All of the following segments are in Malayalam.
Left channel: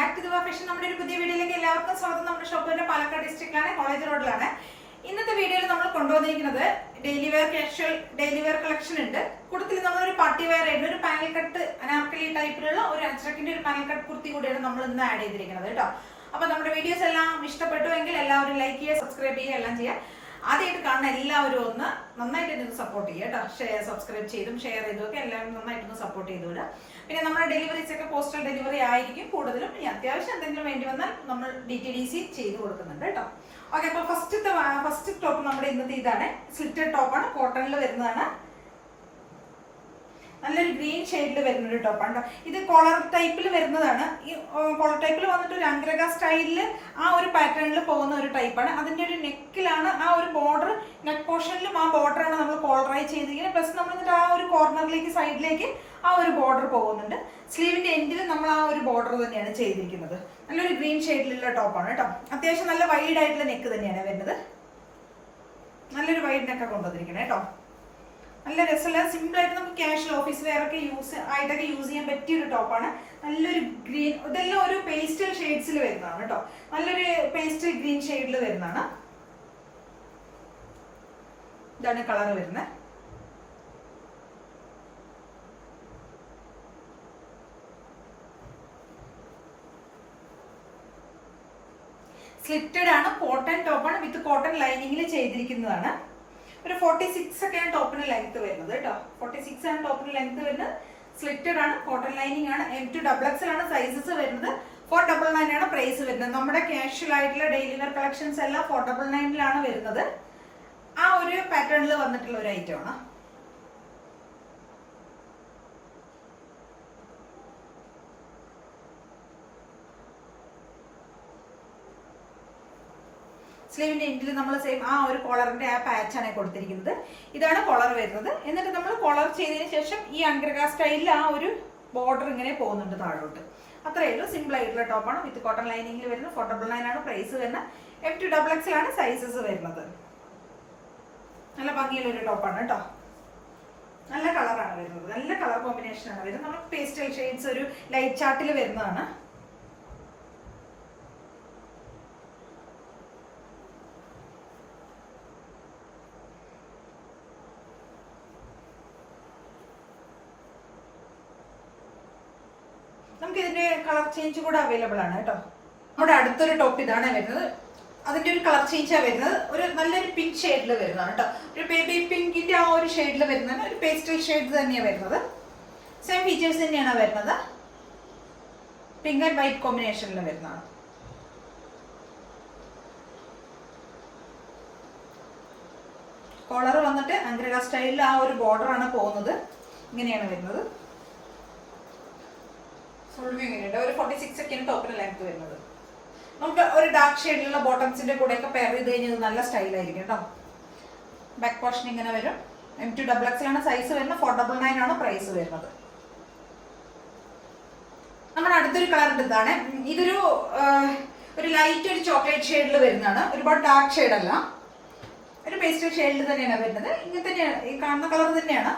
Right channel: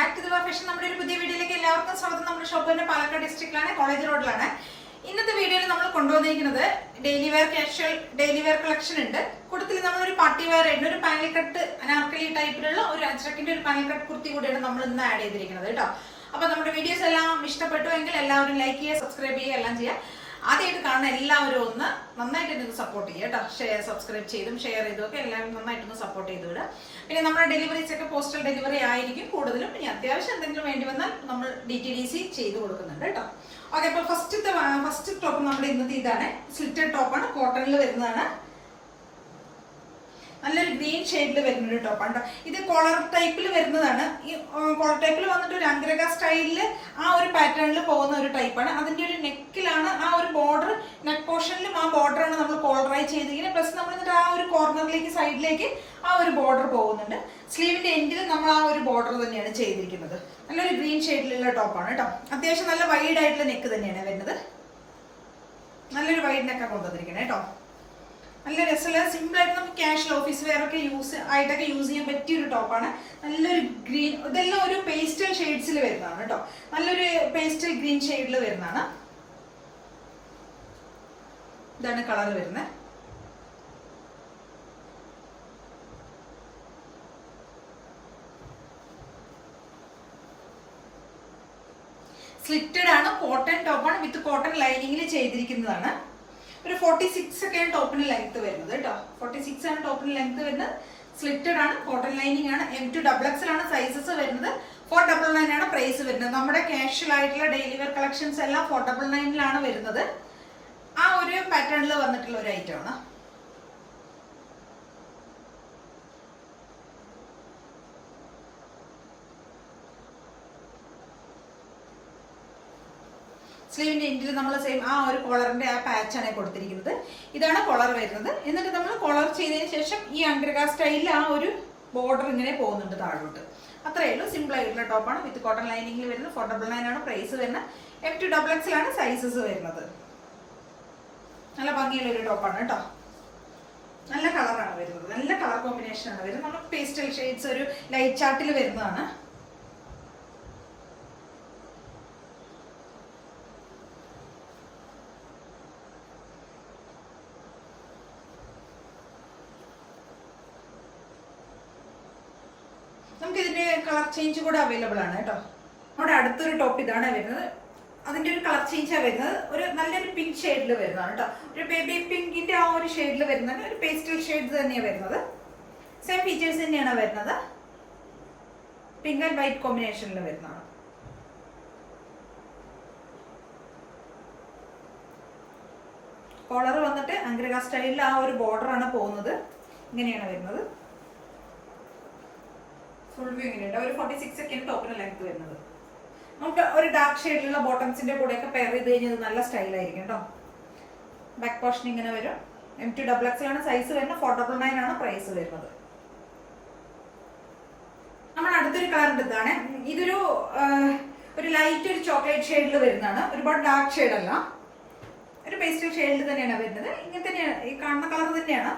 ബാക്ക് ടു ദി ഫാഷൻ നമ്മുടെ ഒരു പുതിയ വീഡിയോയിലേക്ക് എല്ലാവർക്കും സ്വാഗതം. നമ്മുടെ ഷോപ്പ് തന്നെ പാലക്കാട് ഡിസ്ട്രിക്റ്റിലാണ്, കോളേജ് റോഡിലാണ്. ഇന്നത്തെ വീഡിയോയിൽ നമ്മൾ കൊണ്ടുവന്നിരിക്കുന്നത് daily wear casual daily wear collection ഉണ്ട്. കൂട്ടത്തിൽ നമ്മളൊരു പാർട്ടി വെയർ ആയിട്ട് ഒരു പാനൽ കട്ട് അനാർക്കലി ടൈപ്പിലുള്ള ഒരു അജ്രക്കിന്റെ ഒരു പാനൽ കട്ട് കുർത്തി കൂടിയാണ് നമ്മൾ ഇന്ന് ആഡ് ചെയ്തിരിക്കുന്നത് കേട്ടോ. അപ്പൊ നമ്മുടെ വീഡിയോസ് എല്ലാം ഇഷ്ടപ്പെട്ടുവെങ്കിൽ എല്ലാവരും ലൈക്ക് ചെയ്യുക, സബ്സ്ക്രൈബ് ചെയ്യുക, എല്ലാം ചെയ്യുക. ആദ്യമായിട്ട് കാണുന്ന എല്ലാവരും ഒന്ന് നന്നായിട്ട് ഒന്ന് സപ്പോർട്ട് ചെയ്യുക കേട്ടോ. സബ്സ്ക്രൈബ് ചെയ്തും ഷെയർ ചെയ്തും ഒക്കെ എല്ലാവരും നന്നായിട്ടൊന്ന് സപ്പോർട്ട് ചെയ്തു വിടുക. പിന്നെ നമ്മുടെ ഡെലിവറീസ് ഒക്കെ പോസ്റ്റൽ ഡെലിവറി ആയിരിക്കും കൂടുതലും. ഇനി അത്യാവശ്യം എന്തെങ്കിലും വേണ്ടി വന്നാൽ നമ്മൾ DTDC ചെയ്ത് കൊടുക്കുന്നുണ്ട് കേട്ടോ. ഓക്കെ, അപ്പോൾ ഫസ്റ്റ് ടോപ്പ് നമ്മുടെ ഇന്നത്തെ ഇതാണ്. സ്ലിറ്റഡ് ടോപ്പാണ്, കോട്ടണിൽ വരുന്നതാണ്. നല്ലൊരു ഗ്രീൻ ഷെയ്ഡിൽ വരുന്നൊരു ടോപ്പാണ് കേട്ടോ. ഇത് കോളർ ടൈപ്പിൽ വരുന്നതാണ്. ഈ കോളർ ടൈപ്പിൽ വന്നിട്ട് ഒരു അംഗ്രക സ്റ്റൈലിൽ ആ ഒരു പാറ്റേണിൽ പോകുന്ന ഒരു ടൈപ്പാണ്. അതിൻ്റെ ഒരു നെക്കിലാണ് ആ ഒരു ബോർഡർ, നെക്ക് പോർഷനിലും ആ ബോർഡറാണ് നമ്മൾ കോളറായി ചെയ്തിരിക്കുന്നത്. പ്ലസ് നമ്മൾ എന്നിട്ട് ആ ഒരു കോർണറിലേക്ക് സൈഡിലേക്ക് ആ ഒരു ബോർഡർ പോകുന്നുണ്ട്. സ്ലീവിൻ്റെ എൻഡിൽ നമ്മൾ ആ ഒരു ബോർഡർ തന്നെയാണ് ചെയ്തിരിക്കുന്നത്. നല്ലൊരു ഗ്രീൻ ഷെയ്ഡിലുള്ള ടോപ്പാണ് കേട്ടോ. അത്യാവശ്യം നല്ല വൈഡ് ആയിട്ടുള്ള നെക്ക് തന്നെയാണ് വരുന്നത്. നല്ലൊരു വൈഡ് നെക്കാണ് കൊണ്ടുവന്നിരിക്കുന്നത് കേട്ടോ. നല്ല രസമുള്ള സിമ്പിളായിട്ട് നമുക്ക് ക്യാഷ്വൽ ഓഫീസ് വെയർ ഒക്കെ യൂസ് ചെയ്യാൻ പറ്റിയൊരു ടോപ്പാണ്. നല്ലൊരു ഗ്രീൻ, ഇതെല്ലാം ഒരു പേസ്റ്റൽ ഷെയ്ഡ്സിൽ വരുന്നതാണ് കേട്ടോ. നല്ലൊരു പേസ്റ്റൽ ഗ്രീൻ ഷെയ്ഡിൽ വരുന്നതാണ്. ഇതാണ് കളർ വരുന്നത്. സ്ലിറ്റഡ് ആണ്, കോട്ടൺ ടോപ്പാണ്, വിത്ത് കോട്ടൺ ലൈനിങ്ങിൽ ചെയ്തിരിക്കുന്നതാണ്. ഒരു 46 ഒക്കെയാണ് ടോപ്പിന് ലെങ്ത് വരുന്നത് കേട്ടോ. 46 ആണ് ടോപ്പിന് ലെങ്ത് വരുന്നത്. സ്ലിറ്റഡ് ആണ്, കോട്ടൺ ലൈനിങ് ആണ്. M2XXL ആണ് സൈസസ് വരുന്നത്. 499 ആണ് പ്രൈസ് വരുന്നത്. നമ്മുടെ കാഷ്വൽ ആയിട്ടുള്ള ഡെയിലി വെയർ കളക്ഷൻസ് എല്ലാം 499 വരുന്നത്. ആ ഒരു പാറ്റേണിൽ വന്നിട്ടുള്ള ഒരു ഐറ്റം ആണ്. സ്ലീവിന്റെ എൻഡിൽ നമ്മൾ സെയിം ആ ഒരു കോളറിന്റെ ആ പാച്ചാണ് കൊടുത്തിരിക്കുന്നത്. ഇതാണ് കോളർ വരുന്നത്. എന്നിട്ട് നമ്മൾ കോളർ ചെയ്തതിന് ശേഷം ഈ അംഗ്രക സ്റ്റൈലിൽ ആ ഒരു ബോർഡർ ഇങ്ങനെ പോകുന്നുണ്ട് താഴോട്ട്. അത്രയേ ഉള്ളൂ. സിമ്പിൾ ആയിട്ടുള്ള ടോപ്പാണ്, വിത്ത് കോട്ടൺ ലൈനിങ്ങിൽ വരുന്നത്. 499 ആണ് പ്രൈസ് വരുന്നത്. M2XXL ആണ് സൈസസ് വരുന്നത്. നല്ല ഭംഗിയുള്ള ഒരു ടോപ്പാണ് കേട്ടോ. നല്ല കളറാണ് വരുന്നത്. നല്ല കളർ കോമ്പിനേഷൻ ആണ് വരുന്നത്. നമ്മൾ പേസ്റ്റൽ ഷെയ്ഡ്സ് ഒരു ലൈറ്റ് ചാർട്ടിൽ വരുന്നതാണ്. നമുക്ക് ഇതിന്റെ കളർ ചേഞ്ച് കൂടെ അവൈലബിൾ ആണ് കേട്ടോ. നമ്മുടെ അടുത്തൊരു ടോപ്പ് ഇതാണ് വരുന്നത്. അതിന്റെ ഒരു കളർ ചേഞ്ചാണ് വരുന്നത്. ഒരു നല്ലൊരു പിങ്ക് ഷെയ്ഡിൽ വരുന്നതാണ് കേട്ടോ. ഒരു ബേബി പിങ്കിന്റെ ആ ഒരു ഷെയ്ഡിൽ വരുന്നതാണ്. ഒരു പേസ്റ്റൽ ഷെയ്ഡ് തന്നെയാണ് വരുന്നത്. സെയിം ഫീച്ചേഴ്സ് തന്നെയാണ് വരുന്നത്. പിങ്ക് ആൻഡ് വൈറ്റ് കോമ്പിനേഷനിൽ വരുന്നതാണ്. കോളർ വന്നിട്ട് അംഗ്രക സ്റ്റൈലിൽ ആ ഒരു ബോർഡർ ആണ് പോകുന്നത്. ഇങ്ങനെയാണ് വരുന്നത്. ഫുൾ വ്യൂ ഇങ്ങനെയുണ്ട്. ഒരു 46 ഒക്കെയാണ് ടോപ്പിന് ലെങ്ത് വരുന്നത്. നമുക്ക് ഒരു ഡാർക്ക് ഷെയ്ഡിലുള്ള ബോട്ടംസിന്റെ കൂടെ ഒക്കെ പെയർ ചെയ്ത് കഴിഞ്ഞാൽ നല്ല സ്റ്റൈലായിരിക്കും കേട്ടോ. ബാക്ക് പോർഷൻ ഇങ്ങനെ വരും. M2XXL ആണ് സൈസ് വരുന്നത്. 499 ആണ് പ്രൈസ് വരുന്നത്. നമ്മുടെ അടുത്തൊരു കളർ ഇതാണ്. ഇതൊരു ലൈറ്റ് ഒരു ചോക്ലേറ്റ് ഷെയ്ഡിൽ വരുന്നതാണ്. ഒരുപാട് ഡാർക്ക് ഷെയ്ഡ് അല്ല, ഒരു പേസ്റ്റൽ ഷെയ്ഡിൽ തന്നെയാണ് വരുന്നത്. ഇങ്ങനെ തന്നെയാണ് ഈ കാണുന്ന കളർ തന്നെയാണ്.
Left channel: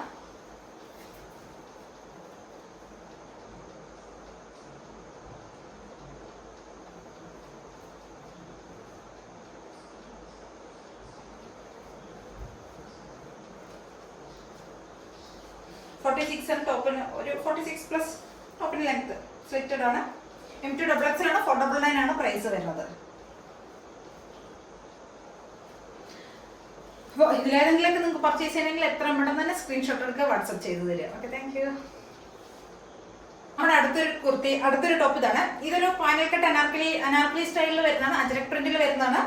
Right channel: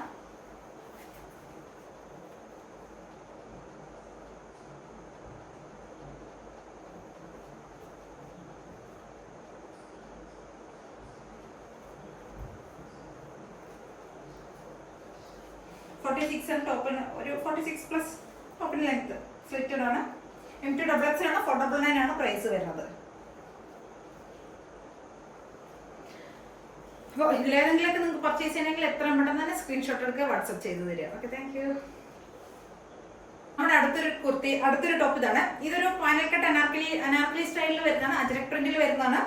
ടോപ്പിന് ഒരു 46+ ടോപ്പിന് ലെങ്ത്. സ്ലിറ്റഡ് ആണ്. M2XXL ആണ്. 499 ആണ് പ്രൈസ് വരുന്നത്. അപ്പോൾ ഇതിലേതെങ്കിലൊക്കെ നിങ്ങൾക്ക് പർച്ചേസ് ചെയ്യണമെങ്കിൽ എത്രയും പെട്ടെന്ന് തന്നെ സ്ക്രീൻഷോട്ട് എടുക്കുക, വാട്സപ്പ് ചെയ്ത് തരിക. Okay, thank you. നമ്മുടെ അടുത്തൊരു ടോപ്പ് ഇതാണ്. ഇതൊരു പാനൽ കട്ട് അനാർക്കലി സ്റ്റൈലിൽ വരുന്നതാണ്. അജ്രക് പ്രിന്റിൽ വരുന്നതാണ്.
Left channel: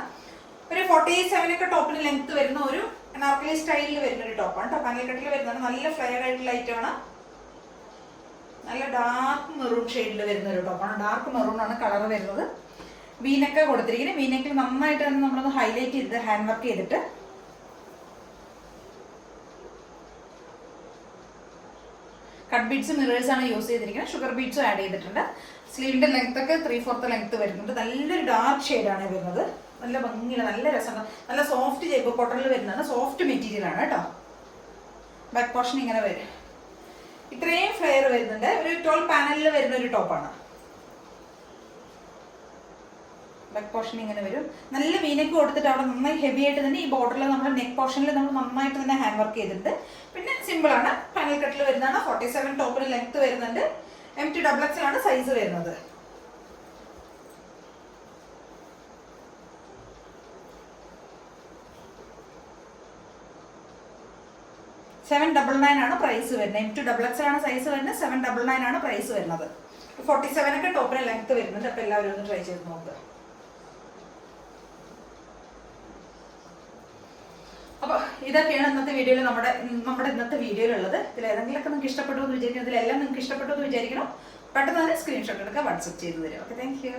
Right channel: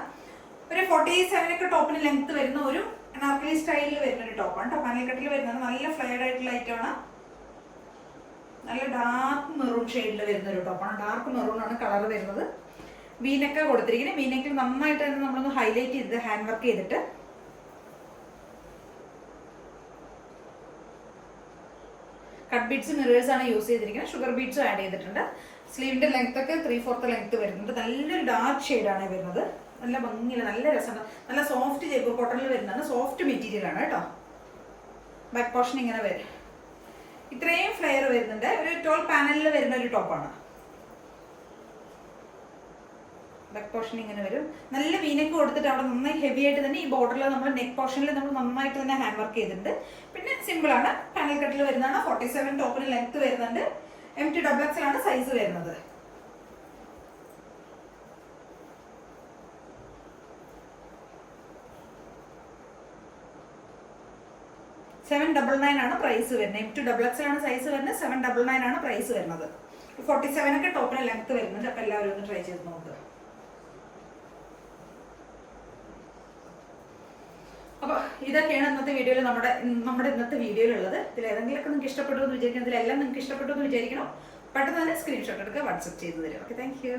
ഒരു 47 ഒക്കെ ടോപ്പിന് ലെങ്ത് വരുന്ന ഒരു അനാർക്കലി സ്റ്റൈലിൽ വരുന്ന ഒരു ടോപ്പാണ് കേട്ടോ. പാനൽ കട്ടിൽ വരുന്നതാണ്. നല്ല ഫ്ലെയർ ആയിട്ടുള്ള ഐറ്റമാണ്. നല്ല ഡാർക്ക് മെറൂൺ ഷെയ്ഡിൽ വരുന്ന ഒരു ടോപ്പാണ്. ഡാർക്ക് മെറൂൺ ആണ് കളർ വരുന്നത്. വീനൊക്കെ കൊടുത്തിരിക്കുന്നത്. വീനക്കിൽ നന്നായിട്ട് തന്നെ നമ്മളൊന്ന് ഹൈലൈറ്റ് ചെയ്ത് ഹാൻഡ് വർക്ക് ചെയ്തിട്ട് കട്ട് ബീഡ്സ് മിറേഴ്സ് ആണ് യൂസ് ചെയ്തിരിക്കുന്നത്. ഷുഗർ ബീഡ്സും ആഡ് ചെയ്തിട്ടുണ്ട്. സ്ലീവിന്റെ ലെങ്ത് ഒക്കെ 3/4 ലെങ്ത് വരുന്നുണ്ട്. നല്ലൊരു ഡാർക്ക് ഷെയ്ഡാണ് വരുന്നത്. നല്ല ഭംഗിയില്ല, നല്ല രസമാണ്. നല്ല സോഫ്റ്റ് ജൈപ്പ് കോട്ടണിൽ വരുന്നതാണ്. സോഫ്റ്റ് മെറ്റീരിയൽ ആണ് കേട്ടോ. ബാക്ക് പോർഷൻ ഇങ്ങനെ വരും. ഇത്രയും ഫ്ലെയർ വരുന്നുണ്ട്. ഒരു 12 പാനലിൽ വരുന്ന ഒരു ടോപ്പാണ്. ബാക്ക് പോർഷൻ ഇങ്ങനെ വരും. നല്ല വീനക്ക് കൊടുത്തിട്ട് അവിടെ നന്നായി ഹെവി ആയിട്ട് തന്നെ ഈ ബോർഡറിൽ നമ്മൾ നെക്ക് പോർഷനിൽ നമ്മൾ നന്നായിട്ട് തന്നെ ഹാൻഡ് വർക്ക് ചെയ്തിട്ടുണ്ട്. പിന്നെ സിമ്പിൾ ആണ്, പാനൽ കട്ടിൽ വരുന്നതാണ്. 47 ടോപ്പിന് ലെങ്ത് വരുന്നുണ്ട്. MT XXL ആണ് സൈസ് വരുന്നത്. $799 ആണ് പ്രൈസ് വരുന്നത്. MT XXL ആണ് സൈസ് വരുന്നത്. $799 ആണ് പ്രൈസ് വരുന്നത്. 47 ഒക്കെ ടോപ്പിന് ലെങ്ത് വരുന്നുണ്ട്. അപ്പൊ എല്ലാവരും ഒന്ന് ട്രൈ ചെയ്ത് നോക്കുക. അപ്പൊ ഇതൊക്കെയാണ് ഇന്നത്തെ വീഡിയോയിൽ നമ്മുടെ ഇന്നത്തെ വീഡിയോയിലുള്ളത്. ഇതിൽ ഏതെങ്കിലുമൊക്കെ നിങ്ങൾക്ക് ഇഷ്ടപ്പെട്ടു എന്ന് വിചാരിക്കണം. ഇതിലെല്ലാം നിങ്ങൾക്ക് ഇഷ്ടപ്പെട്ടു എന്ന് വിചാരിക്കണം. പെട്ടെന്ന് തന്നെ സ്ക്രീൻഷോട്ട് എടുക്കുക, വാട്സപ്പ് ചെയ്ത് തരും. Okay, thank you.